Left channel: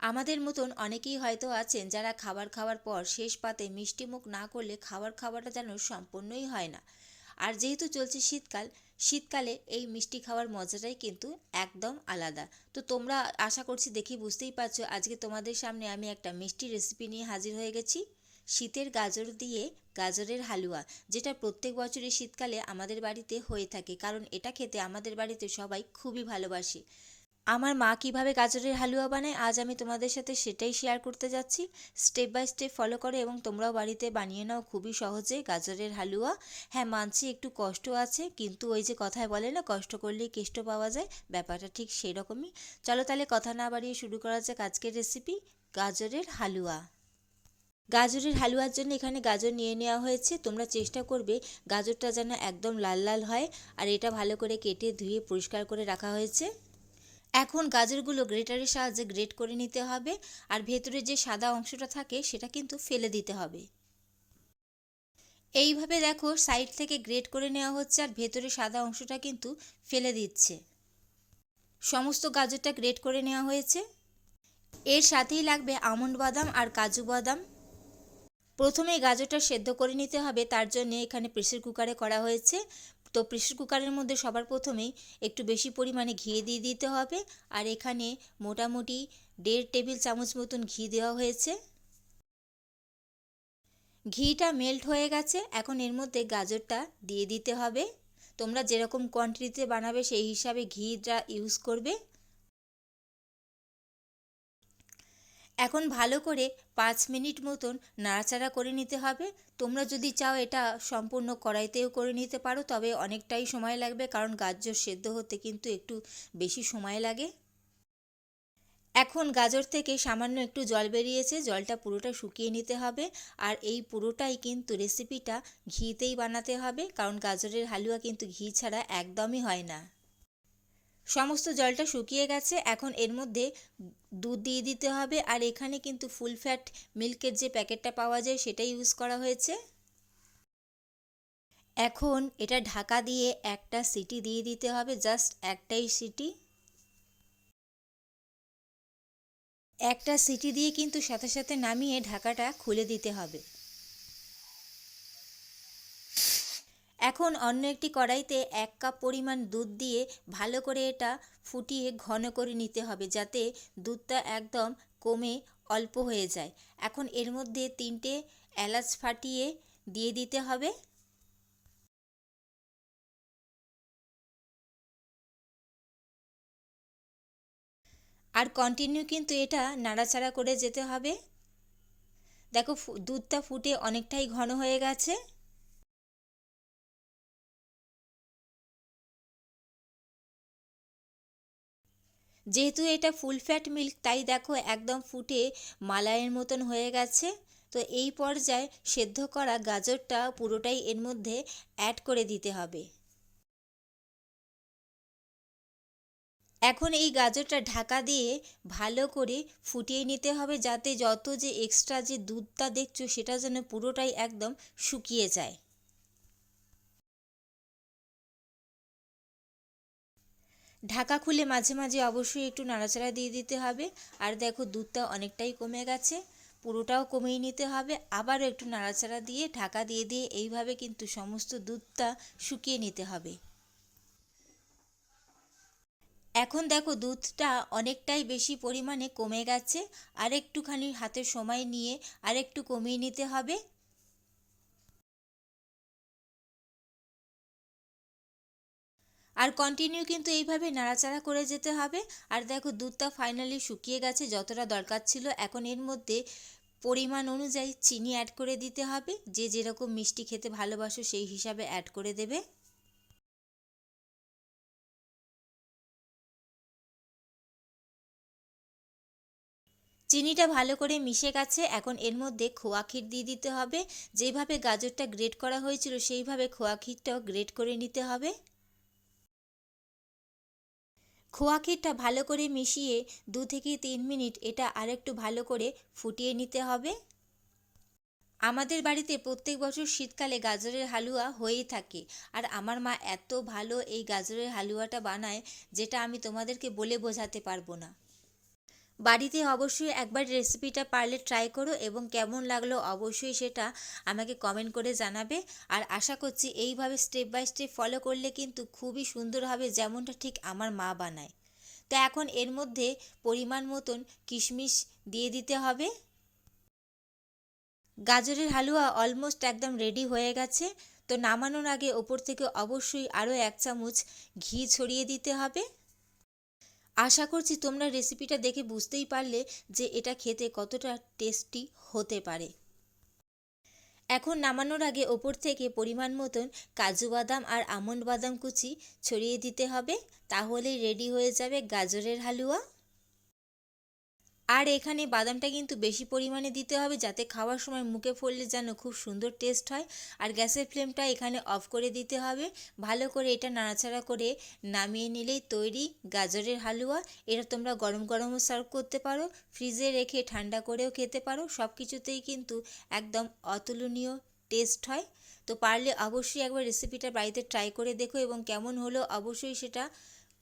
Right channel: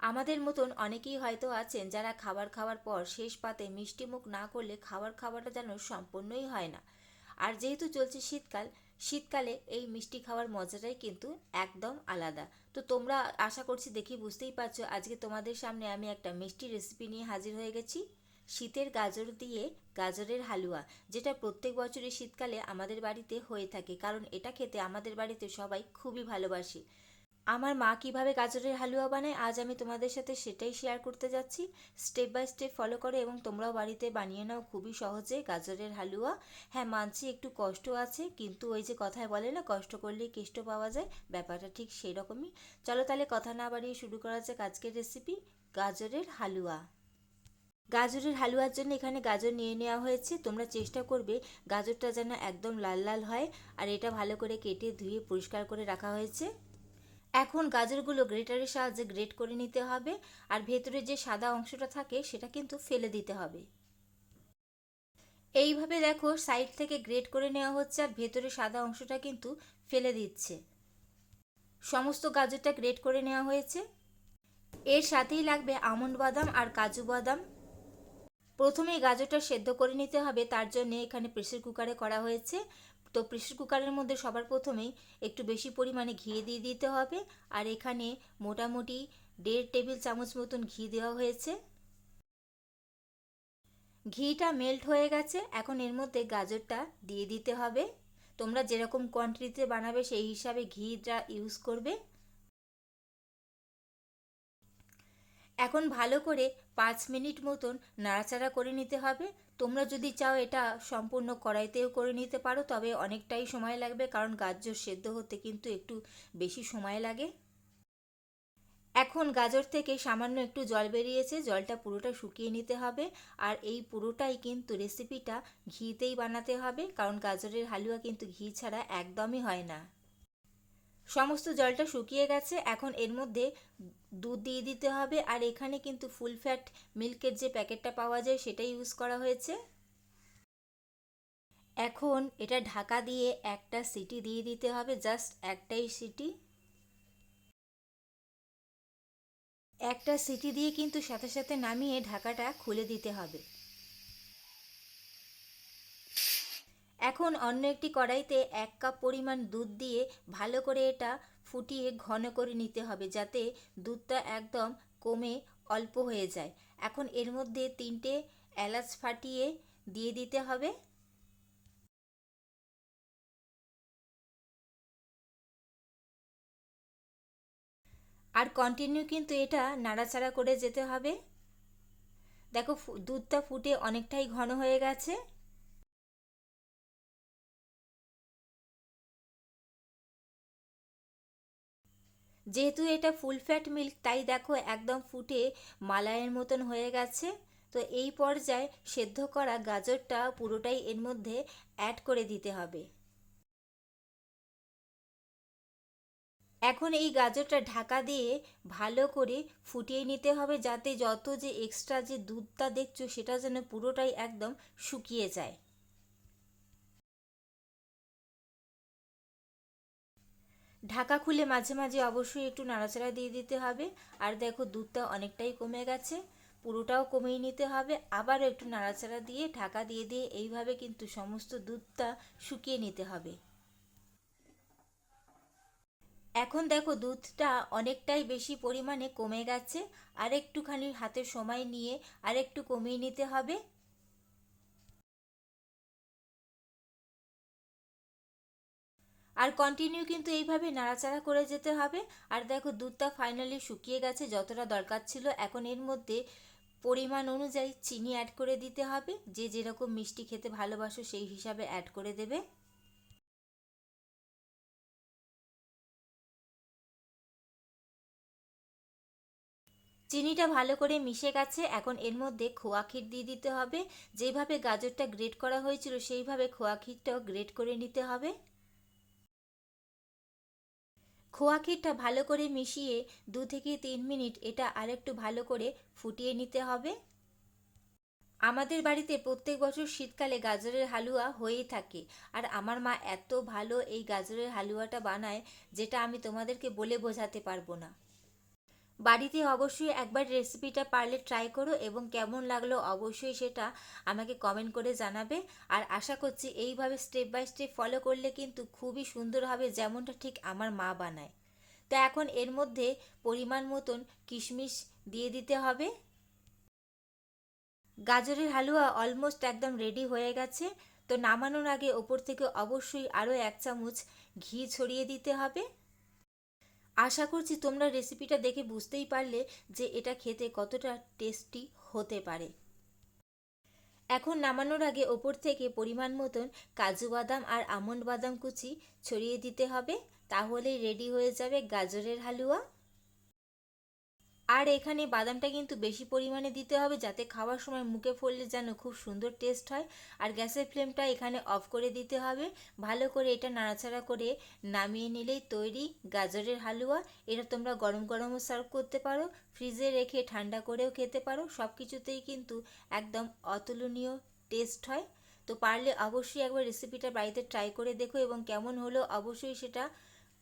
আমাদের মতন অনেকেই হয়তো আছেন যারা খাবার খাওয়ার পর শেষ পাতে মিষ্টি মুখ না করলে খাবার খাওয়াটা যেন সম্পূর্ণই হয় না। আর যেহেতু চলছে শীতকাল, শীতকালে এই মিষ্টি খাওয়ার মজাটাই কিন্তু একদম আলাদা। তো তোমরা আশা করছি দেখি বুঝতেই পারছ, আজকে তোমাদের সামনে আমি একটা মিষ্টি রেসিপি নিয়ে হাজির হয়ে গেছি। শীতের গাজর দিয়ে গাজরের হালুয়া, যেটা প্রত্যেক বছরই শীতকালে আমাদের বাড়িতে হয়ে থাকে, কারণ এটা খেতে আমাদের বাড়িতে সবাই খুবই ভালোবাসে। আমার মা কীভাবে গাজরের হালুয়া বানায়, আজ আমি তোমাদের সাথে সেটাই শেয়ার করতে যাচ্ছি। স্টেপ বাই স্টেপ ফলো করে এবং তোমরাও বাড়িতে বানিয়ে নাও খুবই সহজে গাজরের হালুয়া। হ্যাঁ মানছি একটু কষ্ট আছে, কিন্তু ওই যে কথায় বলে না, কষ্ট করলেই কেষ্ট পাওয়া যায়, ব্যাপারটা ঠিক সেই রকমই চলো তাহলে কথা না বাড়িয়ে শুরু করা যাক আজকের রেসিপি গাজরের হালুয়া। গাজরের হালুয়ার জন্য এখানে গাজর নিয়ে নেওয়া হয়েছে। তোমরা চেষ্টা করবে গাজরটা যেন একদম লাল লাল হয়, আর এটা ভালো করে কেটে ধুয়ে পরিষ্কার করে রাখা হয়েছে। এখন গাজরগুলো গ্রেটারের সাহায্যে গ্রেট করে নিতে হবে আর ভেতরে যে সাদা অংশটা থাকে সেটা কিন্তু ফেলে দিতে হবে। এইভাবে দেখো সাইড থেকে গ্রেট করে নেওয়া হচ্ছে আর ভেতরে সাদা অংশটা কিন্তু ফেলে দিচ্ছে। সমস্ত গাজরটা গ্রেট করে নেওয়া হয়েছে। এর সাথেই লাগবে আমন্ড বাদাম আর কাজু বাদাম। প্রথমে গাজরটা সেদ্ধ করে নিতে হবে, তার জন্য এখানে প্রেসার কুকারে করা হয়েছে। তো প্রেশার কুকারের মধ্যে সবার প্রথমেই একটু বেশি পরিমাণে ঘি দিয়ে দিতে হবে। আর এখানে মোটামুটি দেড় টেবিল চামচ মতন ঘি দেওয়া হয়েছে। ঘিটা মেল্ট হয়ে গেছে। এখন এর মধ্যে গাজরটা দিয়ে দিতে হবে। তোমরা যেরকম কোয়ান্টিটিতে বানাবে সেই হিসাবে ঘিটা ইউজ করবে। এখন ভালো করে পাঁচ মিনিট মতন নাড়াচাড়া করে নিতে হবে। তোমরা যদি চাও এটা সম্পূর্ণ কড়াইতেও করে নিতে পারো, তবে অনেকটাই সময় লাগবে কারণ গাজর সেদ্ধ হতে কিন্তু একটু বেশি সময় লাগে। এখন গাজর থেকে সামান্য একটু জল বেরিয়েছে, জলটা পুরোটা শুকিয়ে নিতে হবে। আর এই পুরোটাই কিন্তু রেসিপিটা ঘিতেই বানাতে হবে, কারণ গাজরের হালুয়া কিন্তু ঘি ছাড়া একদমই হয় না। সমস্ত জলটা শুকিয়ে গেছে, এখন এর মধ্যে দুধ দিয়ে দিতে হবে। আর এখানে কিন্তু ফুল ফ্যাট মিল্কের যে প্যাকেটটা পাওয়া যায়, সেটা ইউজ করা হয়েছে। এখন এটা ঢাকা দিয়ে একটা সিটি দিয়ে দিতে হবে জাস্ট একটাই সিটি। একটা সিটি দিয়ে কিন্তু সাথে সাথে নামিয়ে ঢাকাটা খুলে দিতে হবে। এখন অন্য একটি কড়াইতে এক কাপ পরিমাণ দুধ দিয়ে ভালো করে এটা ফুটিয়ে ঘন করে নিতে হবে যাতে দুধটা একদম কমে অল্প হয়ে যায়। এখন এর মধ্যে তিনটে এলাচ ফাটিয়ে দিয়ে দিতে হবে। আর কন্টিনিউ কিন্তু এটা নাড়াচাড়া করে যেতে হবে। দেখো দুধটা ফুটে অনেকটাই ঘন হয়ে গেছে। যেহেতু এটা ফুল ফ্যাট মিল্ক তাই দেখো একদম ফুটে মালাইয়ের মতন হয়ে গেছে। তো এই পর্যায়ে সেদ্ধ করা গাজরটা পুরোটাই এর মধ্যে অ্যাড করে দিতে হবে। এখন এই গাজরটা ঢাকা দিয়ে ভালো করে ফুটিয়ে নিতে হবে যাতে যত যে এক্সট্রা যে দুধটা দেখছ সেটা যেন পুরোটাই একদম শুকিয়ে যায়। ঢাকা খুলে মাঝে মাঝে অবশ্যই একটু নাড়াচাড়া দিয়ে দিতে হবে। আর দেখো, দুধটা অনেকটাই কমে গেছে, পুরোটাও কমিয়ে নিতে হবে। আবারও একটু নাড়াচাড়া দিয়ে ঢাকা দিয়ে দিয়ে এইভাবে কিন্তু সমস্ত দুধটা শুকিয়ে নিতে হবে। এখন দেখো, দুধটা অনেকটাই বেশি পরিমাণে কমে গেছে। আর একটুখানি হাতে সময় নিয়ে আর একটু কমিয়ে নিতে হবে। আর কন্টিনিউ কিন্তু এইভাবে নাড়াচাড়া করে যেতে হবে। আর দেখো, দুধটা ফাইনালি শুকিয়ে গেছে, যতটা দরকার ছিল, এখন এর মধ্যে পরিমাণ অনুযায়ী চিনি অ্যাড করে দিতে হবে। যে যেরকম মিষ্টি খেতে ভালোবাসো, সেই হিসাবে অ্যাড করে দেবে। চিনিটা ভালো করে মিশে গেছে, এখন এর মধ্যে খোয়া ক্ষীর দিয়ে দিতে হবে। যেভাবে গাজরটা গ্রেট করা হয়েছিল, সেইভাবে খোয়া ক্ষীরটাও গ্রেট করে নিতে হবে। খোয়া ক্ষীরটা ভালো করে মিশিয়ে দু থেকে তিন মিনিট এটা আরেকটু ভালো করে ফুটিয়ে নিতে হবে। আমাদের বাড়িতে প্রত্যেক বছর শীতকালে গাজরের হালুয়া হয়েই থাকে। আর আমার মা এত ভালো এই গাজরের হালুয়াটা বানায় যেটা আমি তোমাদেরকে বলে বোঝাতে পারব না। বাড়িতে অবশ্যই একবার রেসিপিটা পারলে ট্রাই করো এবং কেমন লাগল অবশ্যই সেটা আমাকে কমেন্ট করে জানাবে। আর আশা করছি এইভাবে স্টেপ বাই স্টেপ ফলো করলে কিন্তু খুবই সুন্দর হবে যেমনটা ঠিক আমার মা বানায়। তো এখন এর মধ্যে পরিমাণ মতন কিশমিশ দিয়ে দিতে হবে। গাজরের হালুয়া অলমোস্ট একদম রেডি হয়ে গেছে। তো নামানোর আগে ওপর থেকে অবশ্যই আরও এক চামচ ঘি ছড়িয়ে দিতে হবে। আশা করছি তোমরা রেসিপিটা দেখে বুঝতেই পারলে যে এটা খেতে কতটা টেস্টি হতে পারে। এখন নামানোর আগে ওপর থেকে পরিমাণ মতন কাজু বাদাম আর আমন্ড বাদাম কুচি ছড়িয়ে দিতে হবে, তাহলেই রেডি হয়ে যাবে গাজরের হালুয়া। আর এখানে বাদামটা কিন্তু বেশি পরিমাণে দিতে হবে যাতে খাওয়ার সময় মুখে পড়লে যেন খুব সুন্দর টেস্ট হয়। আর গ্যাসের ফ্লেমটা এখানে অফ করে দিতে হবে। ভালো করে এটা নাড়াচাড়া করে নামিয়ে নিলেই তৈরি গাজরের হালুয়া। এটা তোমরা গরম গরমও সার্ভ করতে পারো ফ্রিজে রেখে ঠান্ডা করেও খেতে পারো। সব কিছুতেই কিন্তু একদম অতুলনীয় টেস্ট হয়। তো পারলে অবশ্যই একবার রেসিপিটা বাড়িতে ট্রাই করে দেখো এবং কেমন হলো অবশ্যই সেটা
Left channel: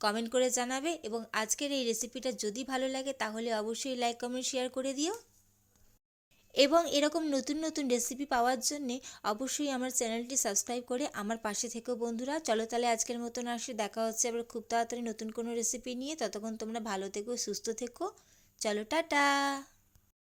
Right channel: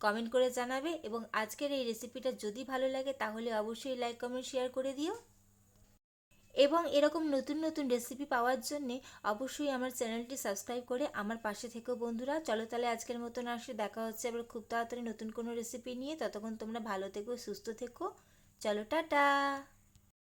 কমেন্ট করে জানাবে এবং আজকের এই রেসিপিটা যদি ভালো লাগে তাহলে অবশ্যই লাইক কমেন্ট শেয়ার করে দিও। এবং এরকম নতুন নতুন রেসিপি পাওয়ার জন্যে অবশ্যই আমার চ্যানেলটি সাবস্ক্রাইব করে আমার পাশে থেকেও বন্ধুরা। চলো তাহলে আজকের মতন আসে, দেখা হচ্ছে আবার খুব তাড়াতাড়ি নতুন কোনো রেসিপি নিয়ে। ততক্ষণ তোমরা ভালো থেকো, সুস্থ থেকো। চলো, টাটা!